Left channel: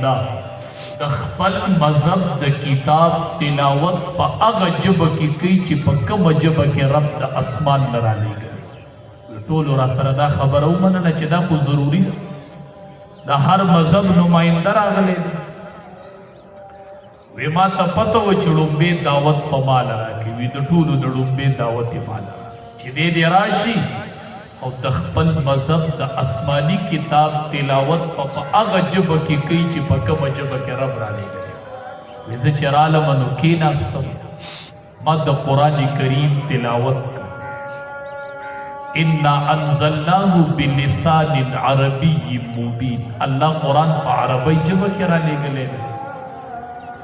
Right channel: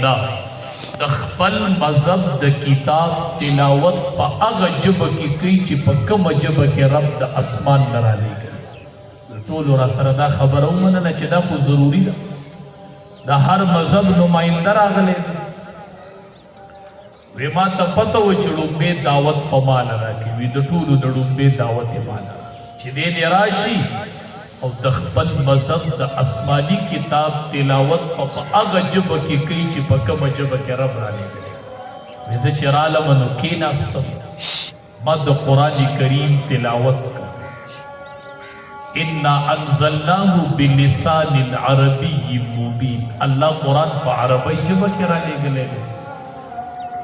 آئنده د خپل مذهب د کتاب تلاوت په هغه ژبه کې کوي چې په کومه ژبه کې رب د اسمان نه رالیږي. ټولو را سره دا خبره ومنله چې دا خو ضروري ده، د هر مذهب نماینده راغلی دی. وی ما ته پته و چې ړومبې دعوت په ما راکړي، وي د ټولو د ړومبې دعوت یې ما چې دې راشي او د خپل مذهب د آسماني کتاب تلاوت په هغه ژبه کې کوي چې په کومه ژبه کې رب رالیږلی. وی زه چې رالم نو کېناستم، ما د قرآن کریم تلاوت کړ. انا انزلناه بلسان عربي مبین. الله قرآن په عربی ژبه کې رالیږلی دی.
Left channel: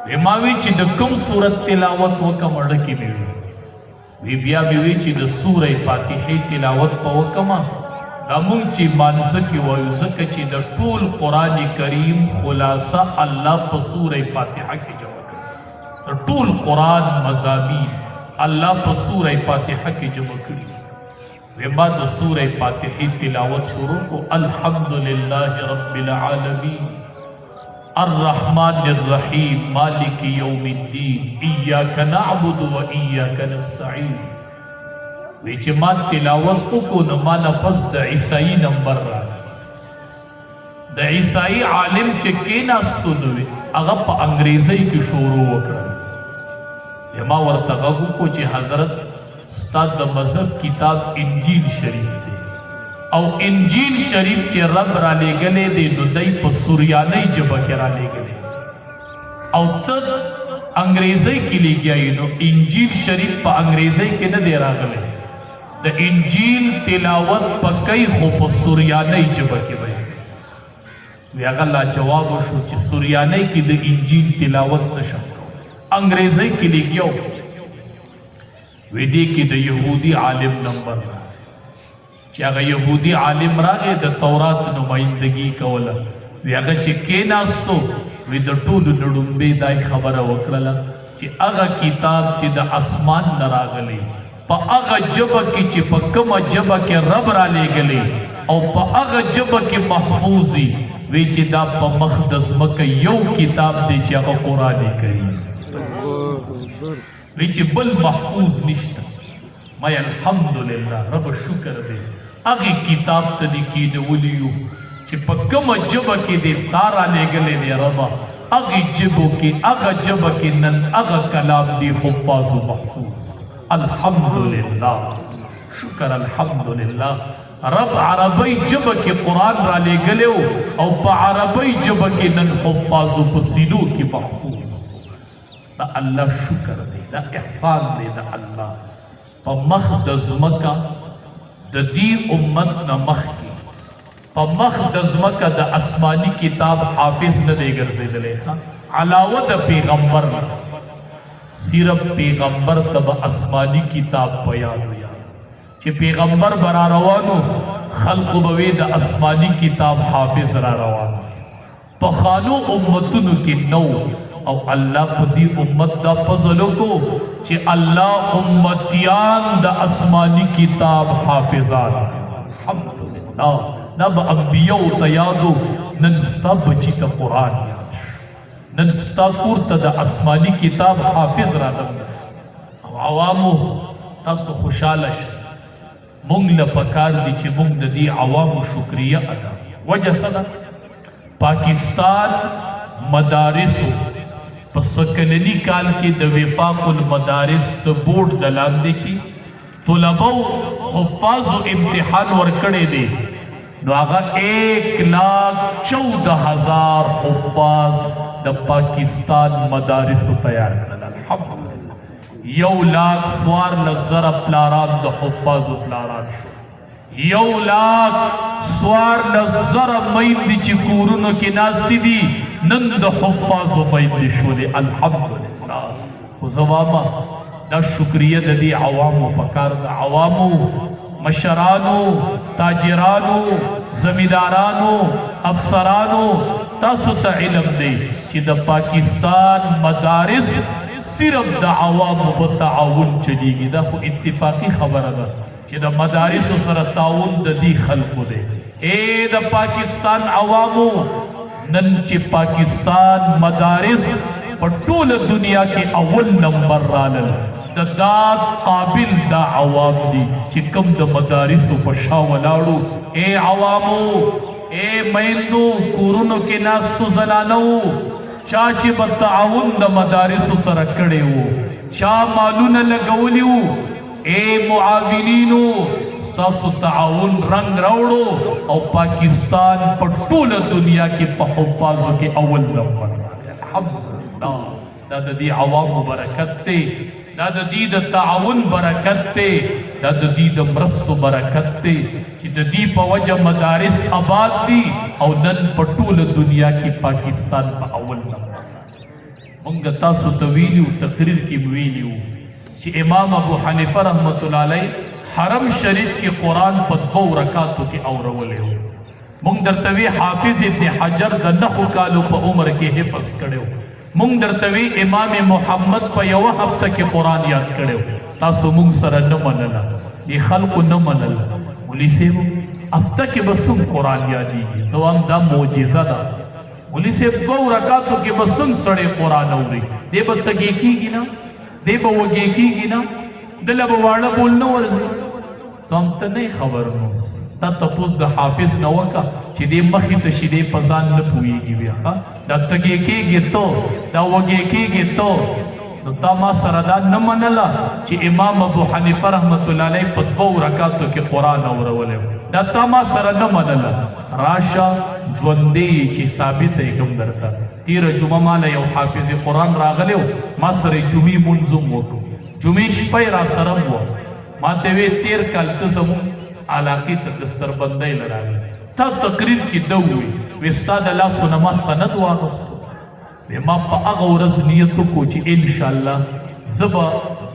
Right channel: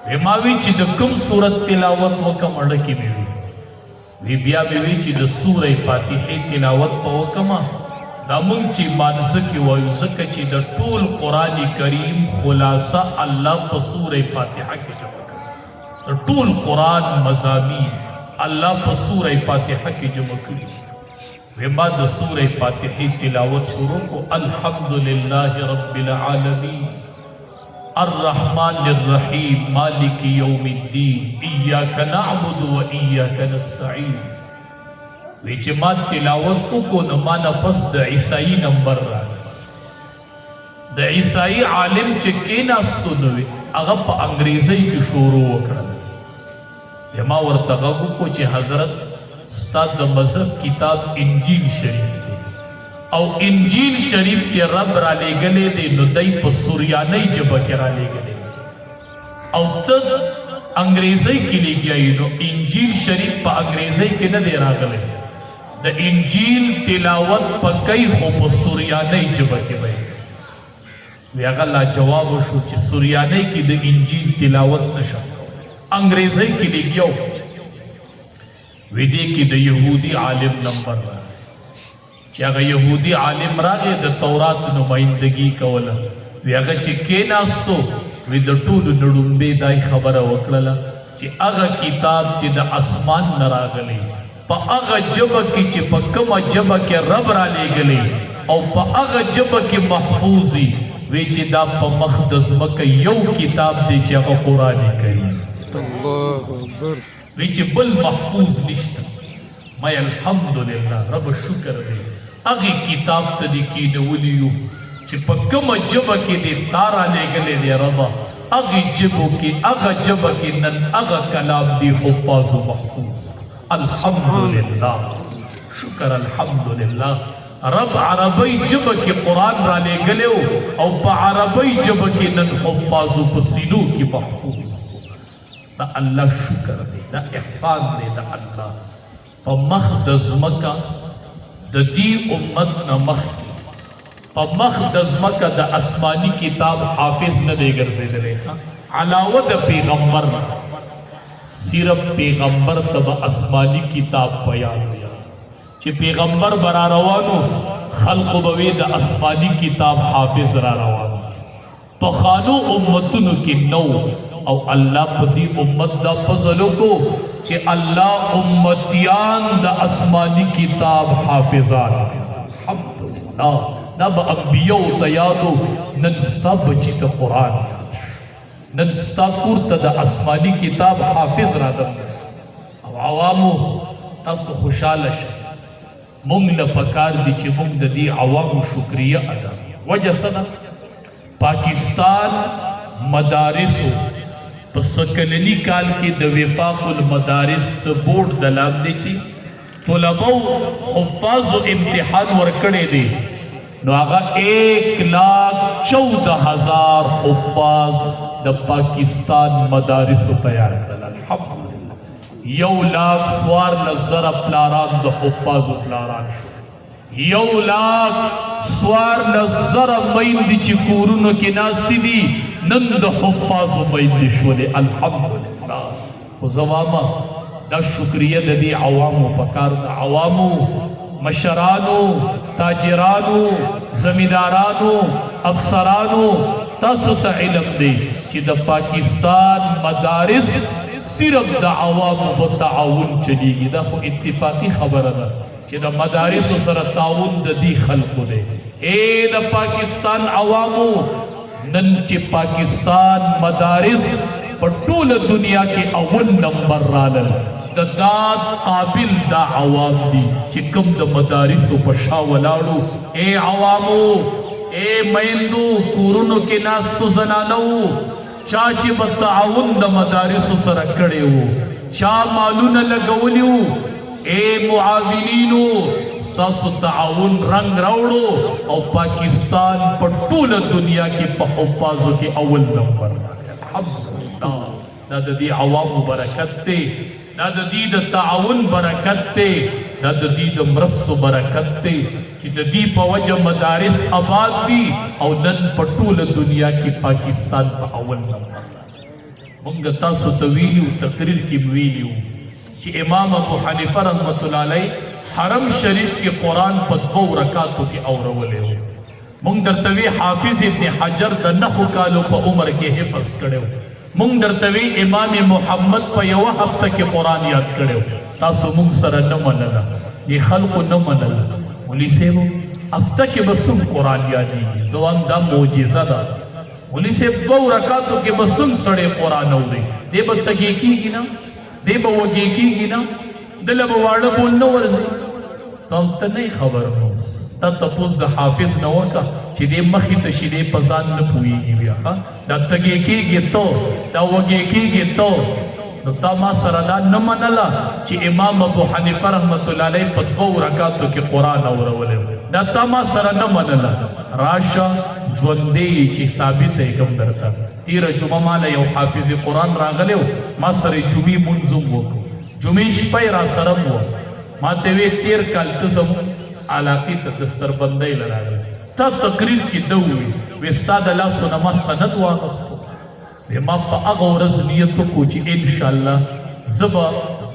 وی ما وی چې د کوم صورت تلاوت وکم اړه کې مې وی وی بیا مې وی چې د سورې فاتحې تلاوت په وکما دا مونږ چې مانځه کې وایو ځکه چې د ټول قرآن کریم خلاصه الله په سورې فاتحه کې جمع کړي. د ټول قرآن مضامین الله په سورې فاتحه کې جمع کړي. وی ما د سورې فاتحې تلاوت شروع کو. الحمدلله رب العالمین الرحمن الرحیم مالک یوم الدین ایاک نعبد و ایاک نستعین. وی چې ما تلاوت وکړو نو ما نه پس د عیسائی نمبر راغی. د عیسائی عالم چې کېناستو نو هغه په انګریزۍ کې شروع وکړل. ما ورته غږ وکړو چې حضرت ستا د مذهب کتاب انجیل شریف دی او انجیل شریف چې رب را لېږلی دی نو دی په سوریانۍ ژبه کې را لېږلی او ته انګریزۍ کې لېږیایي نو انجیل شریف په انګریزۍ کې نه دی راغلی. د انجیل تلاوت په کوي خو په سوریانۍ ژبه کې وی. وی هغه لا جواب وشو چې سوریانۍ کې د انجیل تلاوت نشم، انګریزۍ کې لېږیو. وی دې کې د یهودي عالم نمبر راغی چې هغه یهودي عالم راغی د تورات نمایندګي کوله. وی هغه چې کېناستو وی د ټولو د ړومبې دای خبره وکړله چې هغه کتاب چې د اسمان نه راغلی په هغه ژبه کې چې په کومه ژبه کې رب را لېږلی او په هغه ژبه کې محفوظ وي. وی چې دا په مخ د ځمکه یو کتاب دی چې هغه قرآن کریم. وی چې بل محفوظ نشته. ما الحمدلله رب شکر دی هغې کتاب ته دې کېنولی یو چې په کومه ژبه کې دې تا را لېږلی دی ربه هغې ژبو کې هغه ژبه کې نن هغه کلام دی حفاظ و محفوظ. الحمدلله شکر الحمدلله رب عربی ژبه کې قرآن را لېږلی او په عربی ژبه کې نن حفاظ و په سینو کې محفوظ. دا الله شکر دی، دا احسان دی د الله. په مخ د ځمکه د دې امت نه مخکې په مخ د ځمکه د آسماني کتاب حافظ نه دی ګرځېدلی. علاوه د پیغمبر نه صرف پیغمبر ته به آسماني کتاب په یاد وي چې پیغمبر به را روانو خلقو به وی د آسماني کتاب حافظ را روانو. پخوانو امتونو کې نو او الله په دې امت دا فضل وکړو چې الله امتیان د آسماني کتاب حافظان. الحمدلله دا به انبیاء ته یادو نن ستا بچي ته قرآن یاد شو، نن ستا کور ته د آسماني کتاب حافظ راغلی او عوامو تاسو خوشحاله شئ. مونږ له پکار دي چې مونږ د دې عوامو شکریه ادا کړو. وجه څه ده؟ پاکستان مدارسو په سکلنی کال کې د وفاق المدارس د بورډ د لاندې چې طلبو حفاظو امتحان ورکړی دی نو هغه 1,14,000 حفاظ د پاکستان مدارسو تیار کړل. الحمدلله 1,14,000 پلاران د حفاظو پلاران شو. 1,14,000 میندې چې کورونو کې ناستې دي نن د حفاظو میندې شولې. الحمدلله. خو زماما دا شکریه د دې عوامو پکار د عوامو مشرانو تاجرانو زمیندارانو افسرانو تاسو ته علم دی چې د پاکستان مدارس صرف د عوامو په تعاون چلیږي. دا خو اتفاقی خبره ده چې د مدارسو سره تعاون د دې خلکو دی. د پاکستان عوامو نن چې پاکستان مدارس په ټوله دنیا کې اول نمبر رالل د داد قابل دا عوام دي چې کوم د مدارسو په شا ولاړو. اے عوامو، اے میندو، کورونو کې ناستو زنانو، چا چې به تعاون د مدارسو سره کړی وو، چا مالونه لګولی وو، اے معاونینو ستاسو تعاون رنگ راوړو او پاکستان په ټوله دنیا کې په حفاظو کې اول نمبر. الحمدلله دا د دې عوامو برکت دی، دا د دې د تعاون برکت دی، دا د دې د مرستو برکت دی چې د دې په وجه مدارس آباد دي او نن په ټوله دنیا کې پاکستان په اول نمبر. مونږ تاسو ته ویلو، تقریر کې ویلو چې امام ابو حنیفه رحمت الله علیه حرم شریف کې قرآن په 2 رکعاتو کې اورولی و. مونږ درته وی حافظ ابن حجر د 9 کالو په عمر کې حفظ کړی و. مونږ درته وی امام محمد په 1 هفته کې قرآن یاد کړی و. تاسو مونږ سره نه منله، دې خلکو نه منل. مولوي صاحب هفته کې به څوم قرآن یادېږي؟ زه وایم دا معجزه ده. مولوي صاحب 2 رکعاتو کې به څوم سړی قرآن اوري؟ دی به تږی کېږي نه، دی به وږی کېږي نه، دله به واړه بول نه ورځي. ځان ته نه خبر نو دا تپوس د حافظ نه وکړه چې دې مخې ته شي، دې په ځان نه پوهېږي بیا. دا تږی کېږي ته، دا وږی کېږي ته، نو تا ما سره دا نه منله چې امام ابو حنیفه رحمت الله علیه په 2 رکعاتو کې قرآن اورولی. دا تا ما سره نه منله. راشه ژوندی چې ثابت یې کوم درته. تېره جمعه ماله یو حافظ قرآن راغلی و، ما سره یې جمعې مونځ هم وکړو، جمعې شپه یې را سره هم وه. ما ته وی 13 کال ته زموږ علاقې ته دستربندۍ له راغلی، تا تقریر کې ده ووي وی ستا د لاسو نه ما سند واخیستو. وی ما په هغه ورځ نیت وکړو چې انشاءالله زه به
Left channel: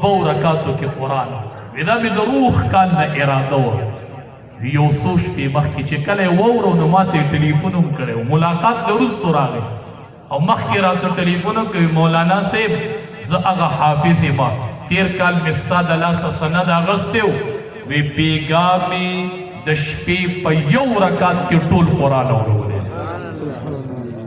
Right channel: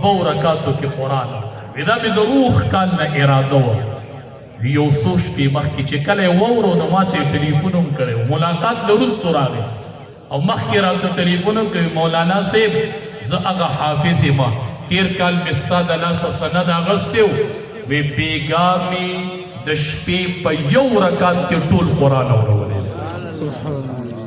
2 رکعاتو کې قرآن. وی دا مې د روح کال نه اراده وه. یو څو شپې مخکې چې کله یې واورو نو ما ته یې ټلیفون هم کړی و، ملاقات د وروستو راغی او مخکې راته ټلیفون کوي مولانا صاحب زه هغه حافظ یم، 13 کال مې ستا د لاسه سند اخیستی و. وی بیګا مې د شپې په 1 رکعت کې ټول قرآن اورولی.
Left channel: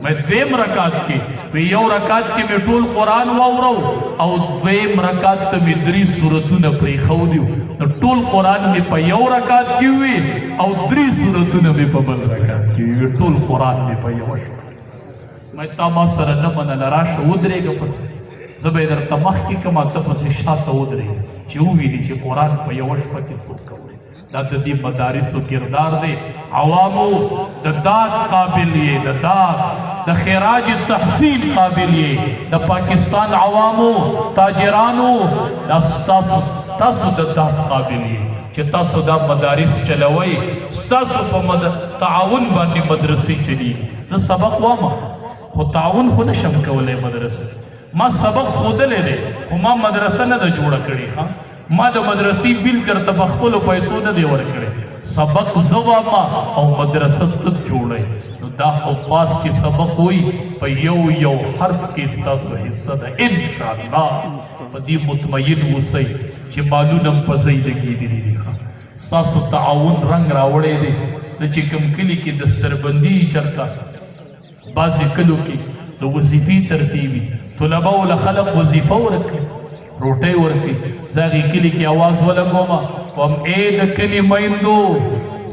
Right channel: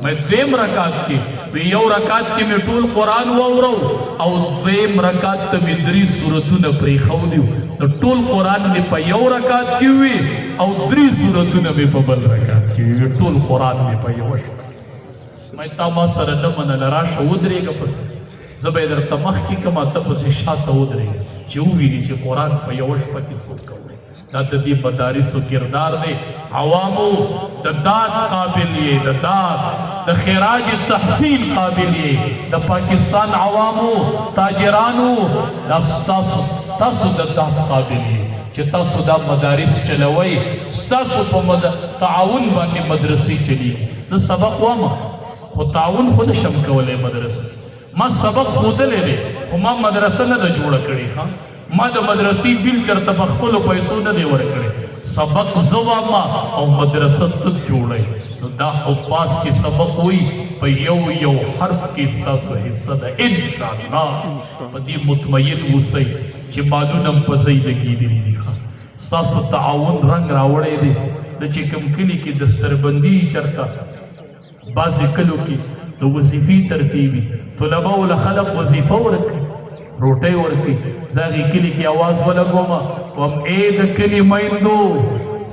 میں 2 رکعت کې، وی 1 رکعت کې مې ټول قرآن واورو او 2 رکعت ته مې 3 سورتونه پرېښودي وو. نو ټول قرآن مې په 1 رکعت کې وي او 3 سورتونه مې په بل رکعت کې وي. ټول قرآن مې په 1 شپه. میں تا ما سره نه منله، راشه ودرېږه پسې، زه به یې درته مخکې کړم، ته پسې شاته ودرېږه چې وویني چې قرآن په 1 شپه کې څوک کوي. دا د دې مدارسو کردار دی. عوامو د داد قابل یې، د داد د خراج تحصیل قابل یې. د پاکستان عوامو تاجرانو دا تاسو د داد قابل یې چې تاسو دا مدارس چلوئ، ستاسو په تعاون باندې مدرسې چلیږي. زه سبق وایم خو تعاون خو نشم کولی مدرسه. ما سبق ښودلی دی خو ما مدرسه نه ده جوړه کړې. ما د مدرسې بیل چېرته په خپلو پیسو نه دی ورکړی. سبق زه وایم او مدرسه ته جوړئ. نو دا حفاظ چې سبق وایي په یو حرف کې ستاسو حصه ده انشاءالله. په دې مطمئن اوسئ چې مالونه هم په ځای لګېدلي دي. ستاسو تعاون رنګ راوړی دی. د چې کوم کلي کې دستربندي چېرته بعضې کلو کې د وظیفې ترتیبي طلباو له خلق وظیفه ورکوي، روټۍ ورکوي. زه هغې کلي کې اواز ولګوم وایم ای د کلي میندو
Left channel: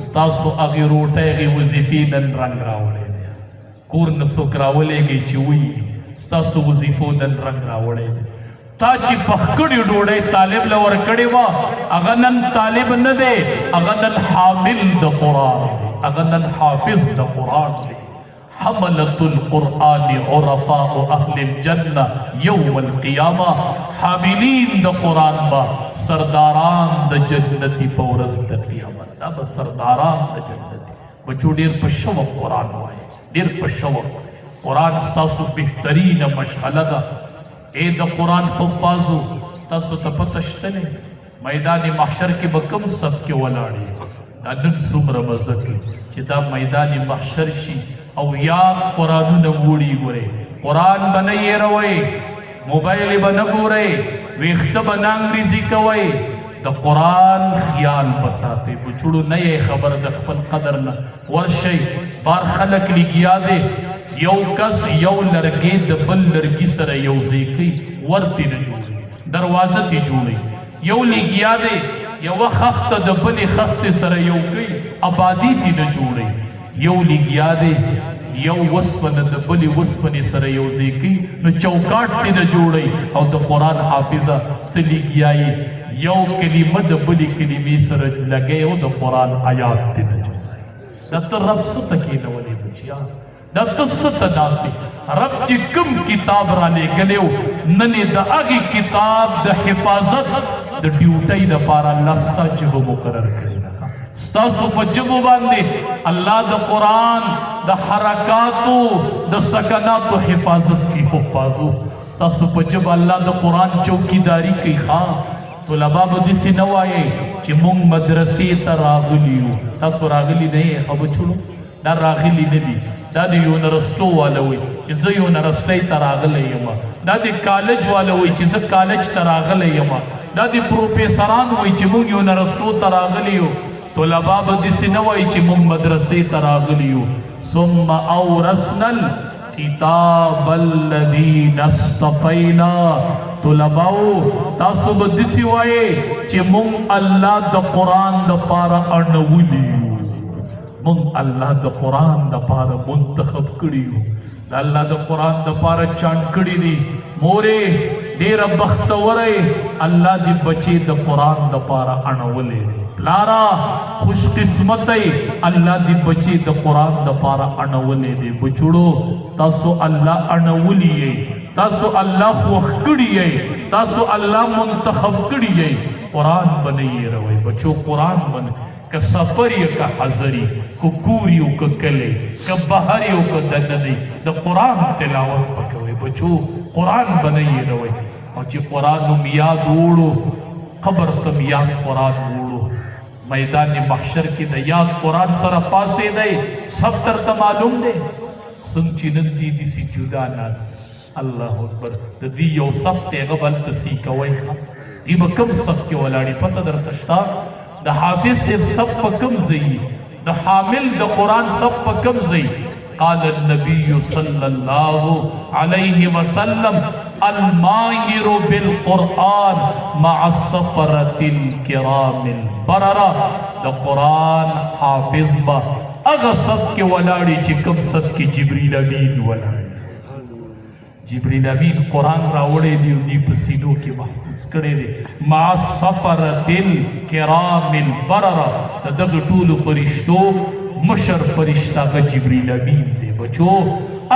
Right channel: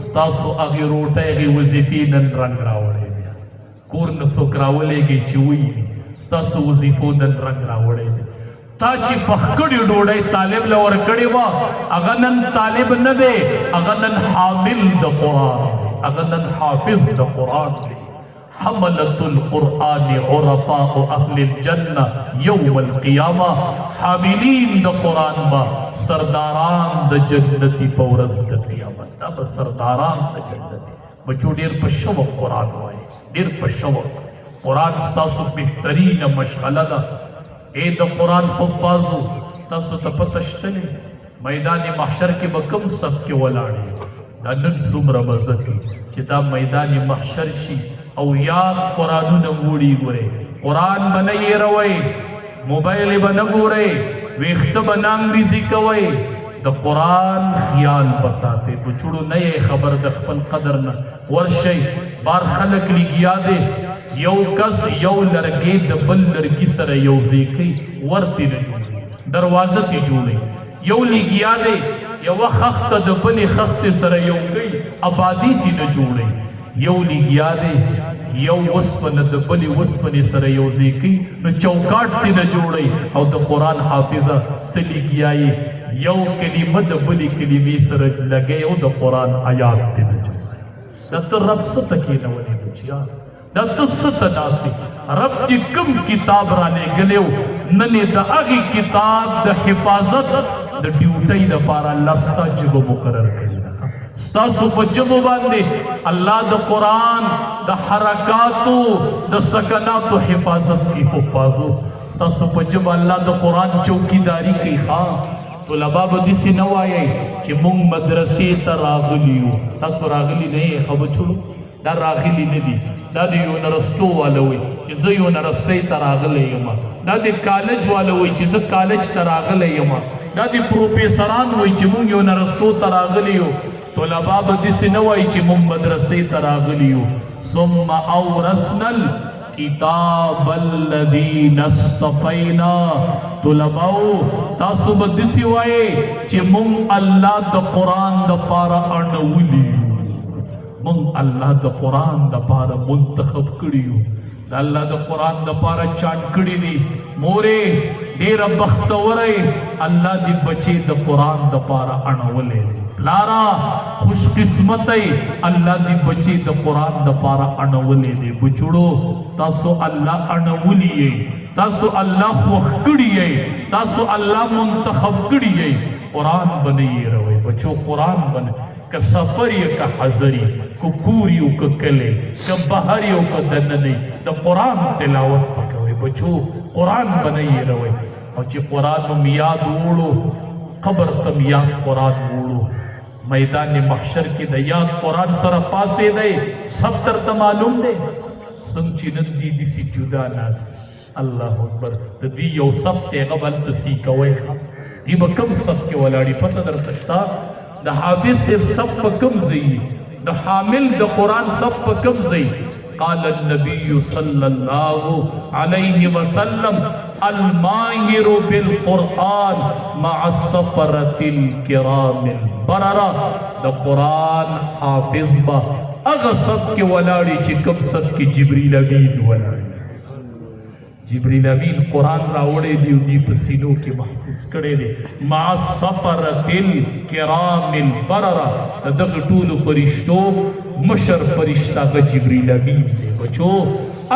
ستاسو هغې روټۍ هغې وظیفې نن رنګ راوړی دی. کور نه څوک راولېږئ چې وایي ستاسو وظیفو نن رنګ راوړی دی. تا چې پخکړې ډوډۍ طالب له ورکړې وه هغه نن طالب نه دی، هغه نن حامل د قرآن دی، هغه نن حافظ د قرآن دی. حملة القرآن عرفاء أهل الجنة يوم القيامة. حاملين د قرآن با سرداران د جنتی پورز د قیامت. دا د سرداران د جنتی بچو ډیر په شوق قرآن وایي، ډیر په شوق. قرآن ستاسو بهترین مشغله ده. اے د قرآن حفاظو تاسو ته پته شته دی میدان محشر کې به کوم صف کې ولاړې؟ دا نن څومره مزه کوي چې دا میدان محشر شي او یاد قرآنونه وړي. ګورئ قرآن به نه یېروئ، موبایل به نه ګورئ، ویښته به نه انګریزي کوئ، د قرآن خیال بساتے بچڑو نئے خبر د خپل قدر نه ورشي بار خلق لګیا دے یو کس یو لرګي د بل لرګي سره یو ځای ورته نه جوړي دروازه تی جوړي یو لګیا دے یو خخت د بل خخت سره یو کوي آبادی تی نه جوړي یو لګیا دے یو وسپنه د بل وسپنه سره یو ځای کوي نو چوکاټ تی نه جوړي او د قرآن حافظه تلګیای یو کلمه د بل کلمې سره لګي او د قرآن آیات تی نه جوړي د تر رب ست کې نو ولې بچیا د تست داسي رب چې کوم کتاب را لګلو نن د هغه کتاب د حفاظت د ډیوټي د پاره الله ستاسو مقرر کړی ستاسو په جبو باندې الله د قرآن د حرکاتو د سکناتو حفاظت کی حفاظو ستاسو په جبو الله د قرآن چوکیداری کوي طلبا به داسې نه وایي چې موږ مدرسې ته راغلي یو تاسو راغلي نه یې ښه بچو دا راغلي نه دي دا د یونیورسټو والا وایي چې زه یونیورسټۍ ته راغلی یم دا د کالج والا وایي چې زه کالج ته راغلی یم دا د پروفیسران وایي چې موږ یونیورسټو ته راغلي یو طلبا به داسې نه وایي چې موږ مدرسې ته راغلي یو ثم اورثنا الكتاب الذین اصطفینا طلباو تاسو به داسې وایي چې موږ الله د قرآن دپاره اړولي یو موږ الله د قرآن دپاره منتخب کړي یو د الله د قرآن دپاره چاڼ کړي دي مورې ډېره بختوره الله دې بچې د قرآن دپاره اړولی دی پلارا خوش قسمتی الله دې بچې د قرآن دپاره اړولی دی بچړو تاسو الله اړولی یې تاسو الله خوښ کړي یې تاسو الله منتخب کړي یې قرآن به نه هېروئ بچو قرآن به نه که سفر یې که حضر یې که کور یې که کلی که بهر یې که دننه د قرآن تلاوت به کوئ بچو قرآن به نه هېروئ او چې قرآن هم یاد وړو قبر ته یاد قرآن وړو میدان محشر کې د یاد قرآن سره پاسېدی سب درته معلوم دی څنګه چې نن دي داسې جدا ناست الله اکبر د دې یو صف دی هغه به هلته سی کوئ دي به کوم صف کې ولاړي پته درته شته د حافظ صرف صف په کوم ځای د حامل د قرآن صف په کوم ځای قال النبي صلى الله عليه وسلم الماهر بالقرآن مع السفرة الكرام البررة د قرآن حافظ با اغا صف کې ولاړي چې کوم صف کې جبريل امین ولاړي جبريل امین قرآن راوړی دی دی په سینو کې محفوظ کړی دی مع السفرة الكرام البررة د دغه ټولو فرشتو مشر فرشتہ کا جبریل امین دے بچو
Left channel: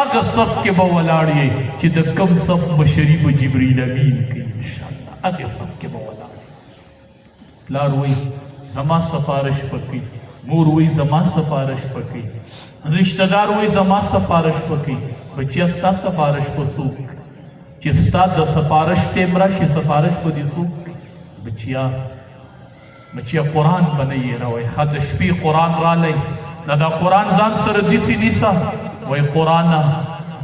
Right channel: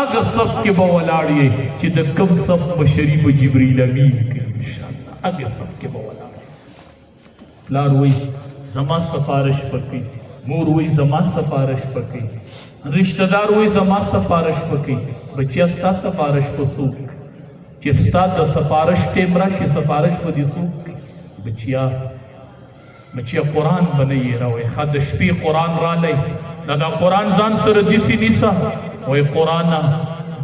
اگر صف کے بولاڑی کہ دا کم صف بشری با جبریل امین کی انشاءاللہ اگر صف کے بولاڑی لار وی زما سفارش پکی مور وی زما سفارش پکی رشتہ دار وی زما سفارش پکی بچی استا سفارش پسوک چستا دا سفارش ٹیمرا شی سفارش پا دی سوک بچیا قرآن بنئی روی خد شپی قرآن را لئی دا قرآن زان سر دیسی دیسا وی قرآن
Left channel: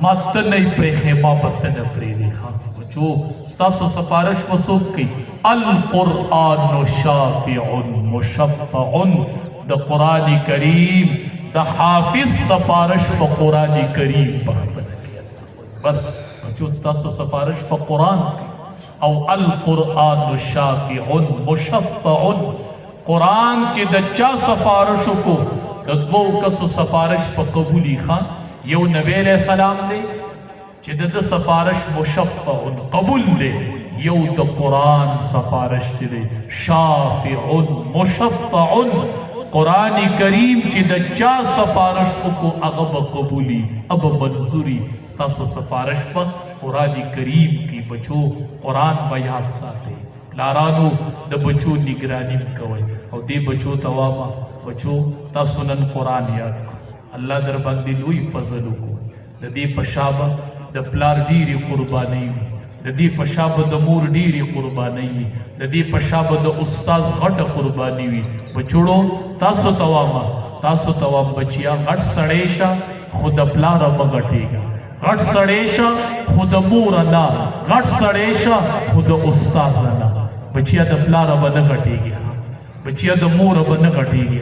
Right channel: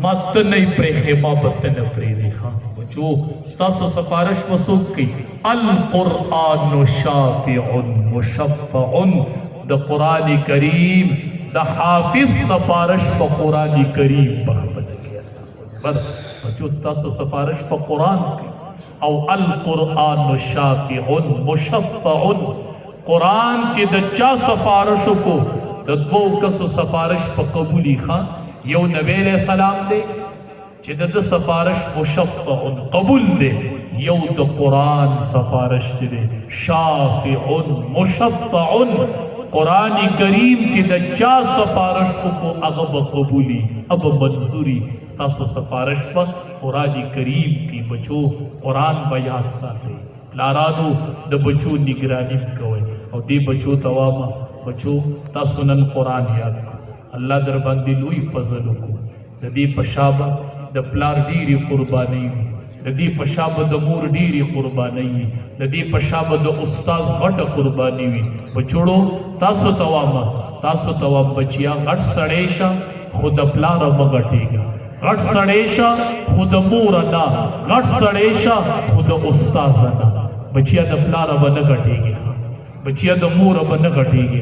مات نئی پریخی ما بطن پریدی خواہ بچو ستاسو سفارش مسوک کی القرآن شافع مشفع دا قرآن کریم دا حافظ سفارش پا قرآن کریم بس بچو ستاسو سفارش پا قرآن کی او القرآن شافع مشفع قرآن چی دا چا سفارشو کو دا دو کسو سفارش پا قبولی خان یو نبی علیہ السلام دے چی دا سفارش مشفع قبول دے یو دا قرآن سفارش دے شافع مشفع قرآن کریم چی دا چا سفارش کو اغب قبولی اب منظوری ستاسو سفارش پر قرآن کریم کی بچو قرآن بیاد ساتے لارانو دا بچو نگرانی کوئے اور دے بچو تواما بچو تا سنن قرآن یاد کو اللہ در بندی لوئی فضلو کو دا دے پشابہ دا پلار دیری قربانی دا دے پشابہ دا مور دیری قربانی دا دے پشابہ دا استاز غٹ قربانی بچوڑو تاسو توام بچیا غٹ سڑیشا خود پلار مگٹے گا غٹ سڑیشا خود مورنا غٹ سڑیشا خود استازنا بچیا د پلار به نه غټیږي، بچیا د مور به نه غټیږي،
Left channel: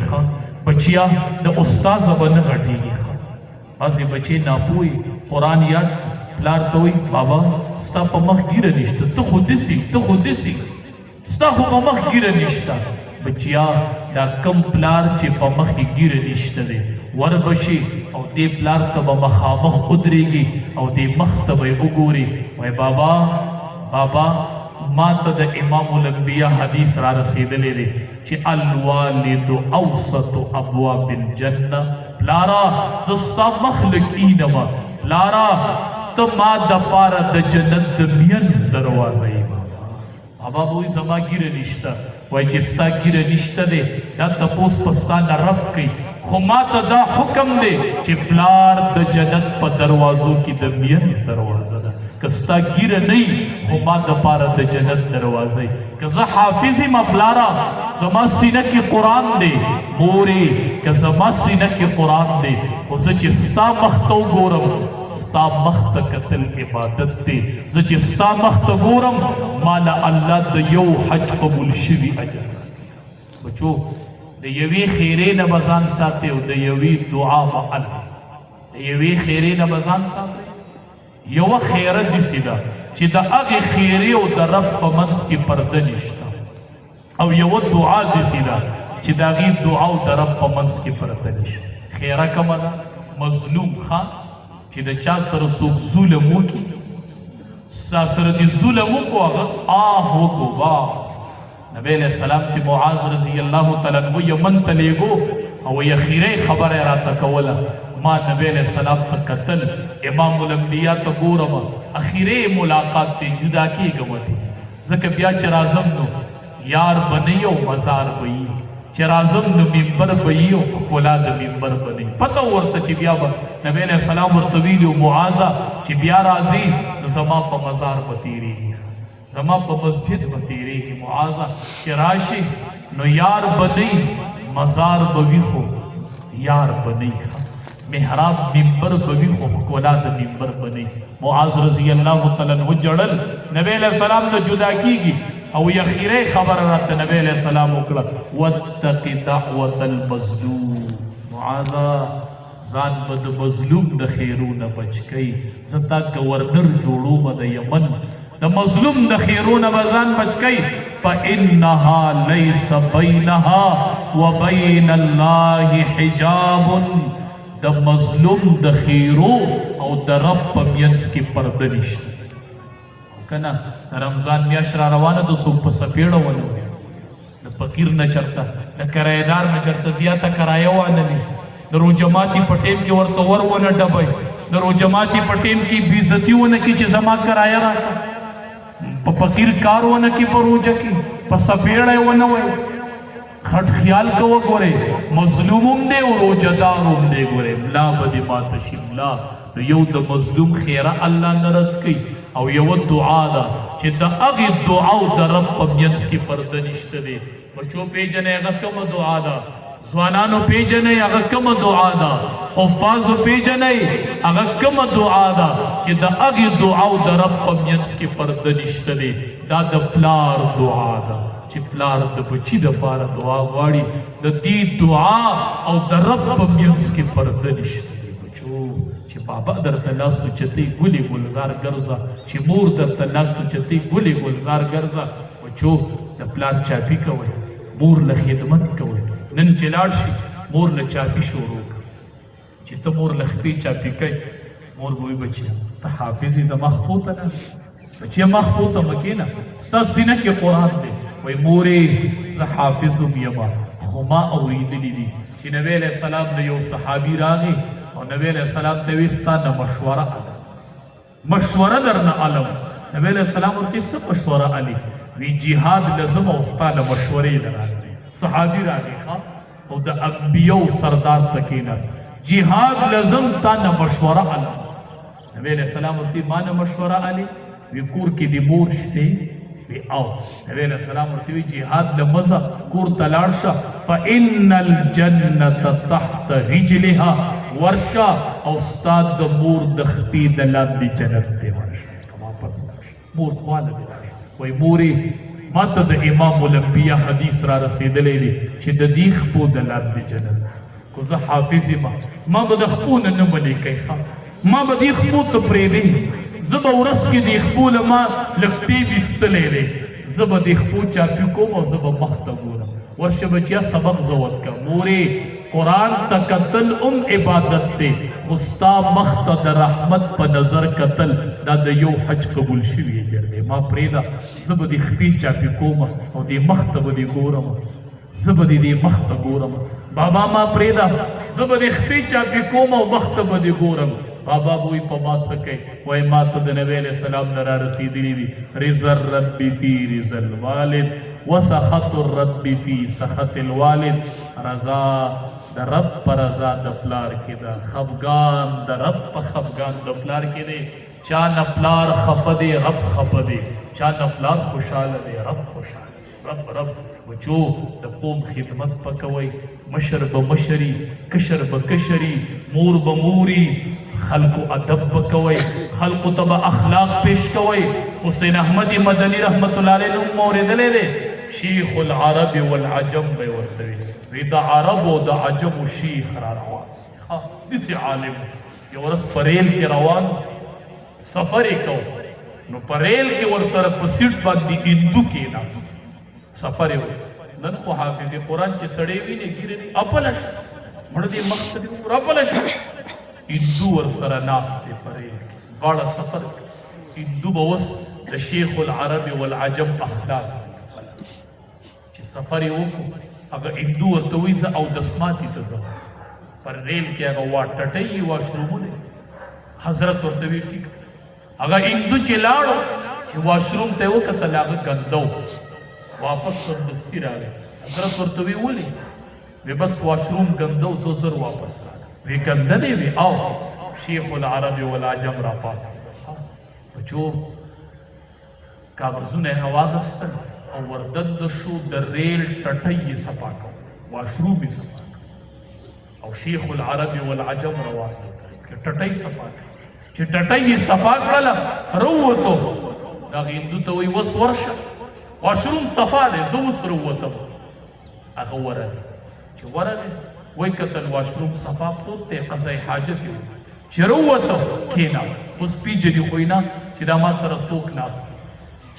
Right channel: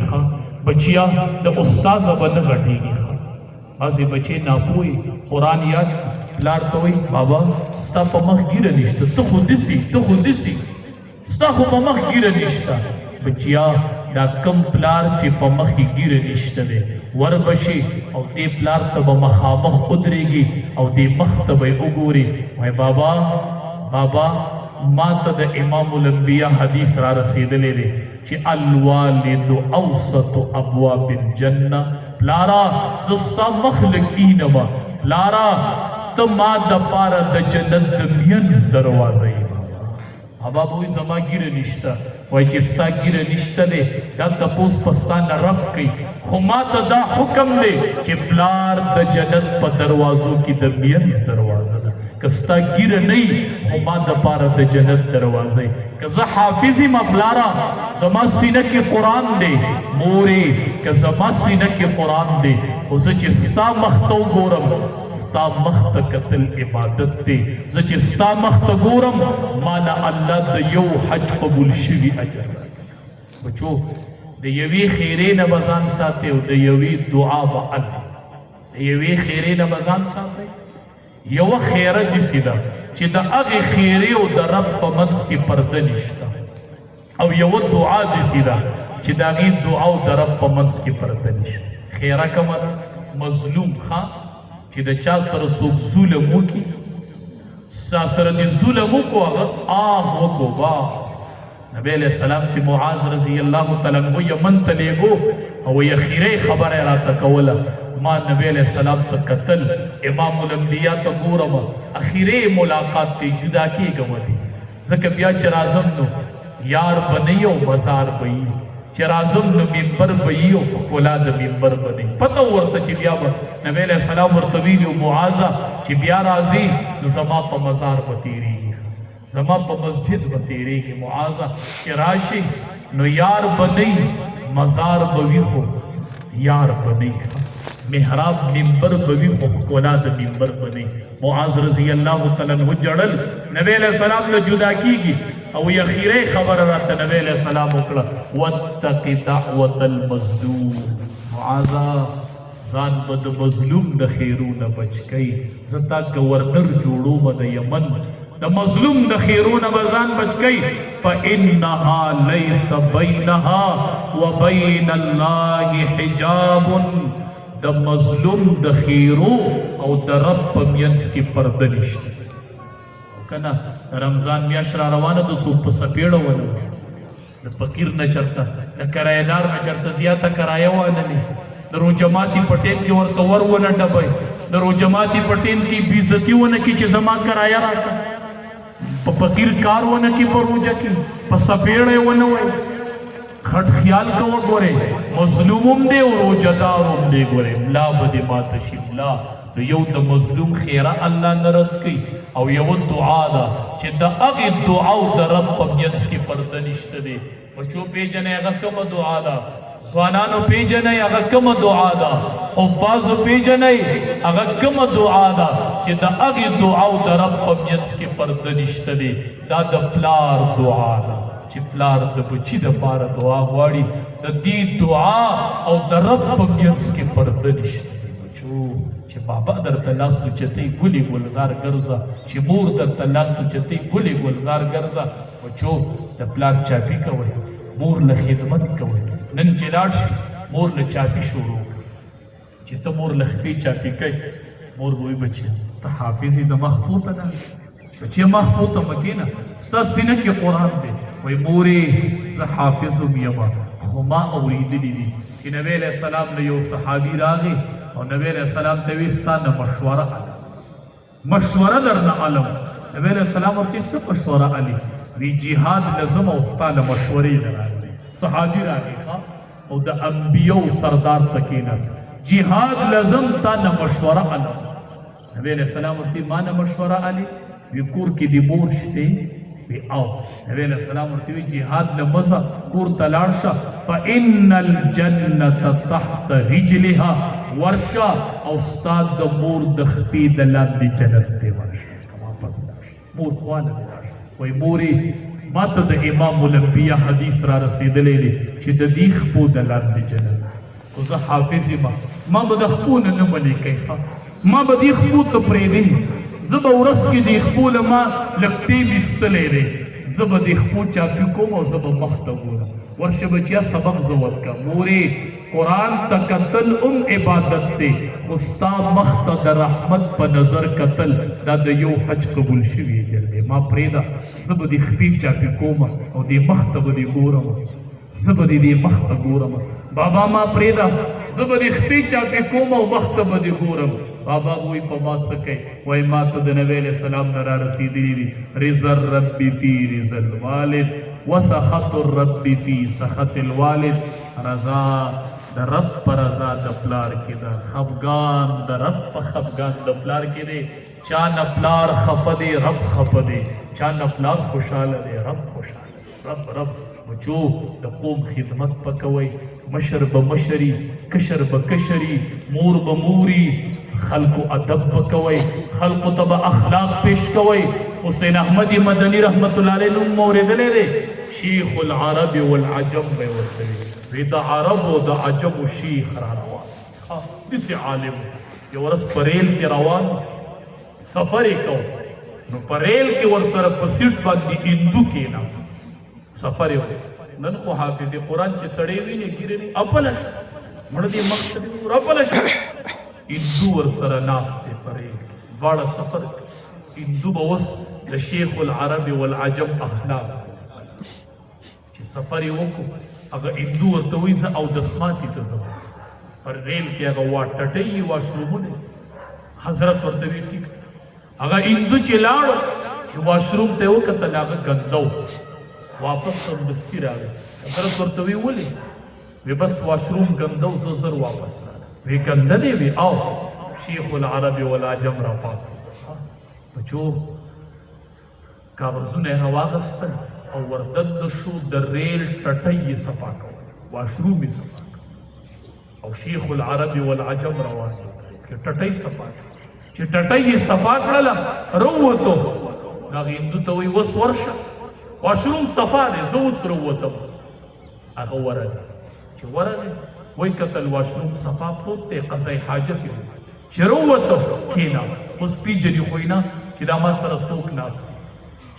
بچیا د استاد به نه غټیږي. بعضې بچې ناپوهي قرآن یاد پلار ته وایي بابا ستا په مخ ګیره نشته، ته خو دسې ته خو دسې ستا خو په مخ ګیره نشته. بچیا دا کم پلار چې په مخ یې ګیره نشته دی وربشي او دې پلار ته به مخامخ ودرېږي او دې مخ ته به یې وګوري، وایي بابا بابا ما ته د امام الانبیاء حدیث را رسېدلی دی چې الوالد اوسط ابواب الجنه. پلارا زه ستا مخ لږ اینمه، پلارا ته ما دپاره د جنت د مینځ دروازه یې. بابا به وایي زما ګیره نشته، وایي چې ستا ګیره نشته دی دا تپوس په ستا نه رب کوي، خو ما ته دا حکم دی چې پلار د جنت په دروازو کې د مینځ دروازه ده. که ستا ګیره نه وي خو ما دپاره د جنت دروازه یې. که زه حافظ یم پلاره زما سینه کې قرآن دی، مورې که زما سینه کې قرآن دی خو زه چې ستا مخ ته وګورم ستا مخ ته کتل عبادت دی. زه چې ستا مخ ته ګورم ما نه الله د یو حج قبول شوي اجر. بچو د یوې خیرې نه به ځان ساتئ او د یوې دعا به د یوې خیرې نه به ځان ساتئ. یوه خیره داسې ده چې د هغې خیرې او د رب په منځ کې پرده نشته، او یوه دعا داسې ده چې د هغې دعا او د رب په منځ کې پرده نشته. خیره کومه ده؟ مظلوم ښه چې د چا سره څوک ظلم وکړي، چا سره دې ظلم وکړو هغه وکړو واپس. نبی علیہ السلام چې معاذ رضی الله تعالی عنہ یمن ته لیږو او اخیری خبره یې راته کوله، ما نبی علیہ السلام ته کتل، امام الانبیاء ته ګورم، اخیری ملاقات دی جدا کېږم دی. ځکه بیا چې راځم نو یار به نه یو مزار به یي، چې راځم نو ممبر به یي او ښکلا د ممبر به نه یي. پته ورته چې بیا به نبی علیہ السلام ورته ویلي و معاذه چې بیا راځي نو زما په مزار به تېرېږي، زما په مسجد به تېرېږي. معاذه چې راشي نو یار به نه یي، مزار به وي خو یار به نه یي، محراب ممبر به وي خو ښکلا د ممبر به نه یي. معاذ رضی الله تعالی عنہ جړل نبی علیہ السلام ته جدا کېږي او اخیری خبره راته نبی علیہ السلام وکړه واتق دعوة المظلوم. معاذه ځان به د مظلوم د خیرونه بچ کوي. زه تا گورنر جوړومه د یمن، د مظلوم د خیرونه به ځان بچ کوي. فإنها ليس بينها وبين الله حجاب. د مظلوم د خیرو او د رب په منځ کې پرده نشته. کنه رمضان میاشت را روانه ده، څوک په سپېړه ولو د فقیر نه چرته د کرایهدار نه چرته زیاته کرایه واللې، د روجماتي په ټیم کې ورته ور ولټوئ، د روجماتي په ټیم کې بېعزتي ونه کړي چې زما کرایه راکړه، په فقیر کار ونه کړي، په روجه کې په سپېړه یې ونه وایي. خټ خیال کوه ګورې مظلوم هم دی او روجهدار هم دی. ګورې ملا به دې ماته شي، ملا یو د مظلوم خیره الله نه رد کوي او یوه دعا ده چې د هغې دعا او د رب په منځ کې پرده نشته دی. بچو پېژنئ هغه کومه دعا ده، ځوانانو پېژنئ هغه کومه دعا ده، حفاظو پېژنئ هغه کومه دعا ده چې د هغې دعا او د رب په منځ کې پرده نشته دی. دا د پلار دعا ده چې پلار د بچي دپاره دعا غواړي، د دې دعا او د رب په منځ کې پرده نشته دی. بچو چې بابا درته لاس اوچتوي ګلې ګلزار ګرځه، چې مور درته لاس اوچتوي ګلې ګلزار ګرځه. بچو د پلار چاپي کوئ، مور له خدمت کوئ. نن چې لاړ شي مور له چاپي شروع کړي، چې ته مور له خپې چاپي کوي، مور به وایي بچیه ته حافظ یې زما خپو ته نه بچیه ما خپو ته مه کښېنه، ستا سینه کې قرآن دی. وایي مورې زه حافظ هم یمه خو ما اورېدلي دي چې نبی علیہ السلام له یو صحابي راغی او نبی علیہ السلام ته وی ستا نه مشوره الم، مشوره درنه الم. نبی علیہ السلام ورته څه مشوره الي؟ وی جهاد لازم او ستا له مشورې نه راغلی. صحابي راغی او د انبیو سردار ته کېناست، جهاد لازم تا نه مشوره الم. نبی علیہ السلام ورته ما نه مشوره الي؟ وی کور کې د مور شته؟ وی او. نبی علیہ السلام ورته وی جهاد لمزه کور ته لاړ شه، فإن الجنة تحت رجلها ورشا او استاد د مور د خپې د لاندې جنت ته ورشه. واپس مور خواله دې راشي. وایي مورې ما ته د امام الانبیاء حدیث را رسیدلی دی چې د دې خپو د لارې جنت خو زه حافظ یم ما به د خپو نه نه منې کوي ما به دې خپو ته پرېږدي زه به ورځ کې دې خپو له ما لږ ټیم ایستلی دی زه به دې خپو چاپي کوم او زه به مخ ته ګورم ورشه بچیا سبق زه ورکړم مورې قرآن ته کتل عبادت دی خو ستا مخ ته د رحمت په نظر کتل دا د یو حج قبول شوي اجر دی ما پرېږده زه به دې خپې چاپي کوم او دې مخ ته به دې ګورم زه به دې مخ ته ګورم بابا ما پرېږده زه به دې خپې چاپي کوم او مخ ته به دې ګورم بابا وی په ما څه کوي وایي ما ته د نبی علیه السلام نه را رسېدلي دي رضا الرب فی رضا الوالد وسخط الرب فی سخط الوالد رضا د رب په رضا د پلار کې ده خفګان د رب په خفګان د پلار کې دی چا نه پلار خفه دی رب خفه دی چا نه پلار خوشحاله دی رب خوشحاله رب بچو د قوم خدمت پکوئ مشر به مشري کشر به کشري مور به موري خلقو ادب بکوئ خلقو ته به اخلاق پیش کوئ حسین احمد مدنی رحمت الله علیه نوم اورېدلی دی شیخ العرب والعجم به یې ورته وی د عرب او د عجم شیخ را روان داسې عالم یو ورځ په ریل کې روان سفر یې کو نو په ریل کې ورسره په سیټ باندې هندو کېناست سفر یې نن خو حافظ قرآن چې سړی ویني ګیرې اپله شه مړه دې مخ ته اپله شه هندو ورسره ناست دی په ریل کې دواړه سفر هندو به اوس د شیخ العرب والعجم اخلاق چې سفر یې وکړو هغه هندو ورته وایي زه اودس ماتي ته ځم پر ریل کې هغه ټټۍ واشرومونه حضرت ورته وایي ټیک هغه هندو چې لاړو چې واشروم ته یې وکتل هغه ګنده واپس سمدستي راغی حضرت ورته وایي ولې وی بس واشروم ګنده و زه زر واپس راغی وی ګنده دی وی او شیخ العرب والعجم را پاسې بچو کاغذونه یې واخیستل او وردد شو د ریل ټټۍ یې صفا کړ واشروم یې صفا کړ او شیخ العرب والعجم روان چې ټټۍ صفا کړ چې ټټۍ یې صفا کړله راووتو هغه هندو ته وایي اوس ورشه واشروم صفا دی زه اوس راووتم هغه ورغی چې ورغی وایي کتل واشروم صفا پروت دی قضای حاجت یې چې راووتو کېناست اوس پیژني خو یې نه چې دا ما سره څوک ناست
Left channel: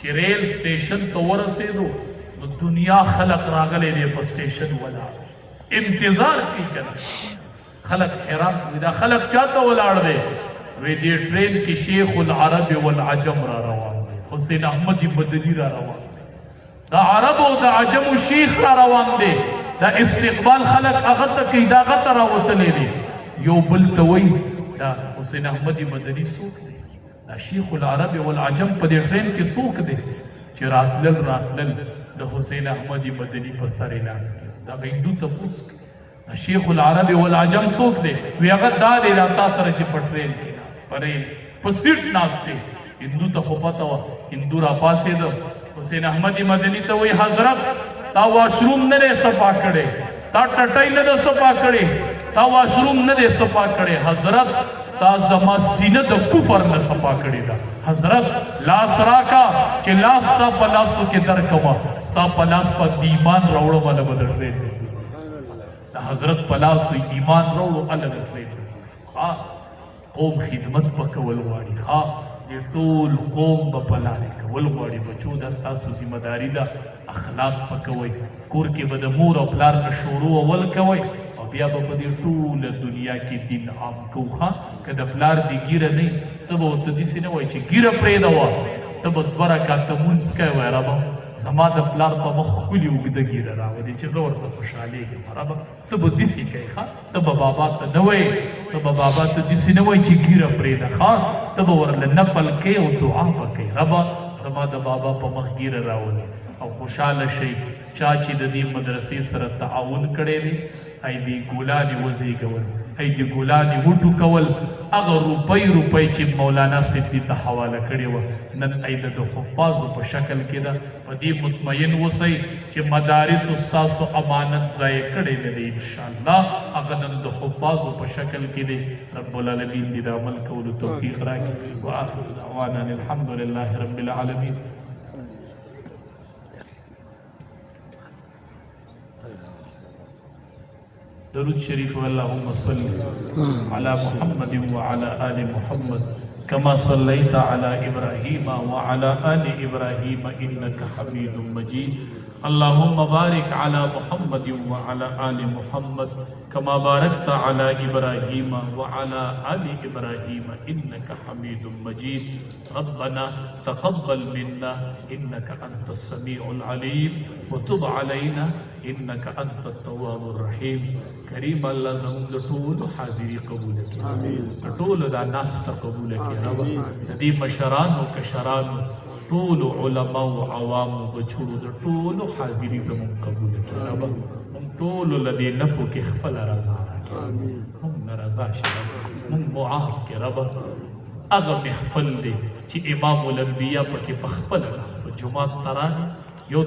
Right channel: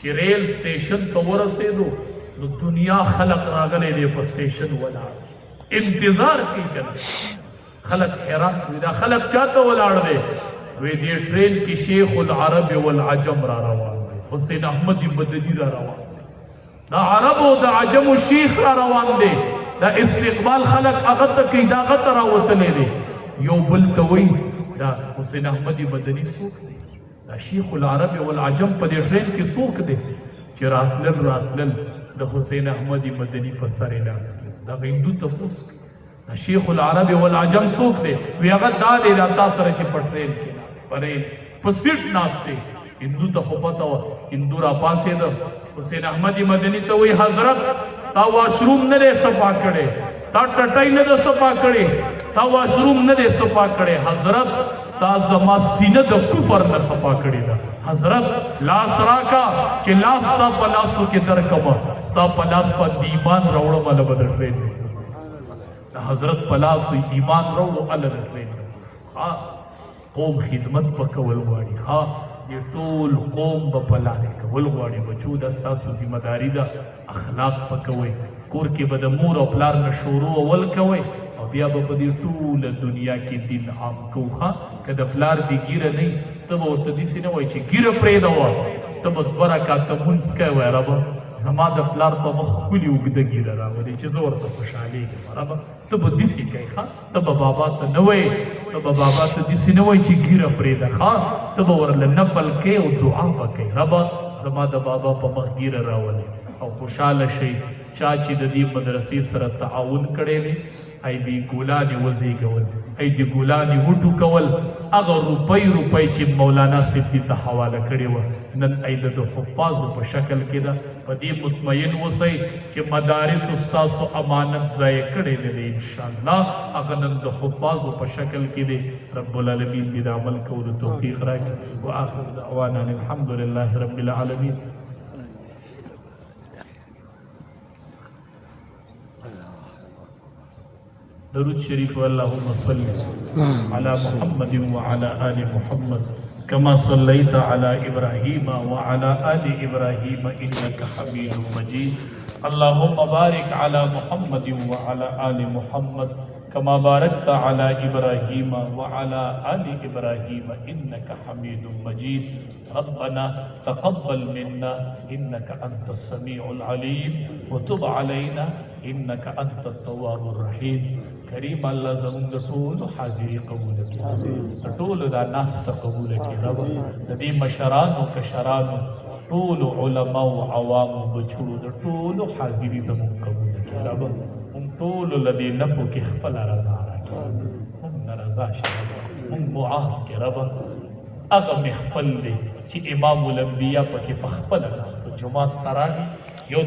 چې ریل سټیشن ته ورسېدو نو دنیا خلق راغلی دی په سټیشن ولاړ انتظار کوي که نه خلق حیران شوي دا خلق چاته ولاړ دی وی دې ټرین کې شیخ العرب والعجم را روان دی حسین احمد مدني را روان دی دا عرب او د عجم شیخ را روان دی دا استقبال خلق هغه ته کوي دا هغه ته راوتلی دی یو بل ته وایي دا حسین احمد مدني څوک دی دا شیخ العرب والعجم په دې ټرین کې څوک دی چې راتلل د حسین احمد مدني په سر یې لاس کړ دا هندو تپوس دا شیخ العرب والعجم څوک دی وی هغه دا دی دا تا سره چې په ټرین کې ناست په ریل په سیټ ناست دی هندو ته خو پته وه هندو را پاڅېده حسین احمد مدني ته وایي حضرت تا واشروم نه دی صفا کړی تا ټټۍ نه ده صفا کړې تا واشروم نه دی صفا کړی حضرت تا زما سینه د کفر نه صفا کړې ده حضرت لاس راکا چې لاس ستا په لاسو کې درکمه ستا په لاس باندې ایمان راوړم هله به د ټرین د حضرت په لاس ایمان راوړو هله د ټرین قوم خدمت به کول غواړي دې ټول قوم به په لارې کول غواړي بچو دا ستاسو ذمه داري ده اخلاق به کوئ کور کې به د مور او پلار نه شروع اول کوئ او بیا به په دې ټوله دنیا کې دین عام کوو که د پلار دې ګیره نه وي ته به ورته داسې نه وایي چې ګیره پرېږده ته به 2 رکعته لمونځ کوې وایه ربه زما د پلار په مخ ښکلې اوږده ګیره راولې چې زه ورته خوشحالېږم ربه ته به داسې کوې ته به بابا ته نه وایې ته به بابا ته داسې نه وایي چې ګیره پرېږده ته به ورله نفل کوې او دعا به کوې ربه زما د بابا په مخ ګیره راولې او خوشحاله شئ چا چې د دې مدرسې سره تعاون کړی دی ای دې ګلانې وزېږول ای دې ګلانې وټوکول هغه روپۍ چې مولانا صاحب دې ته حواله کړې وه نن ای د حفاظو په شکل کې ده په دې مطمئن اوسئ چې مدارسو ستاسو امانت ضایع کړی نه دی انشاءالله هغه نن د حفاظو په شکل کې دی رب العالمین دې د عمل کولو توفیق راکړي واخر دعوانا الحمد لله رب العالمین दरूद शरीफ अल्लाहुम्मा सल्ली अला मुहम्मद व अला आलि मुहम्मद कमा सल्लैता अला इब्राहीम व अला आलि इब्राहीम इन्नका हमीदुम मजीद अल्लाहुम्मा बारिक अला मुहम्मद व अला आलि मुहम्मद कमा बारकता अला इब्राहीम व अला आलि इब्राहीम इन्नका हमीदुम मजीद रब्बना तक़ब्बल मिन्ना इन्नका अंतस समीउल अलीम व तुब अलैना इन्नका अंतत तव्वाबुर रहीम करीम अल्लाह ज़मीन टूल हाजिरी कबूल की टूल दा नास कबूल की रब तदी मशरान व कशरान टूल उलमा व अवाम बछड़ू टूल हाजिरी ज़मीन कबूल की रब हम टूल लदी नफो के खपल रजा हम रजा शरब हम मुआफ के रब अगर महफल दे ची इमामुल अंबिया पके पखपल रास जुमात तरानी यो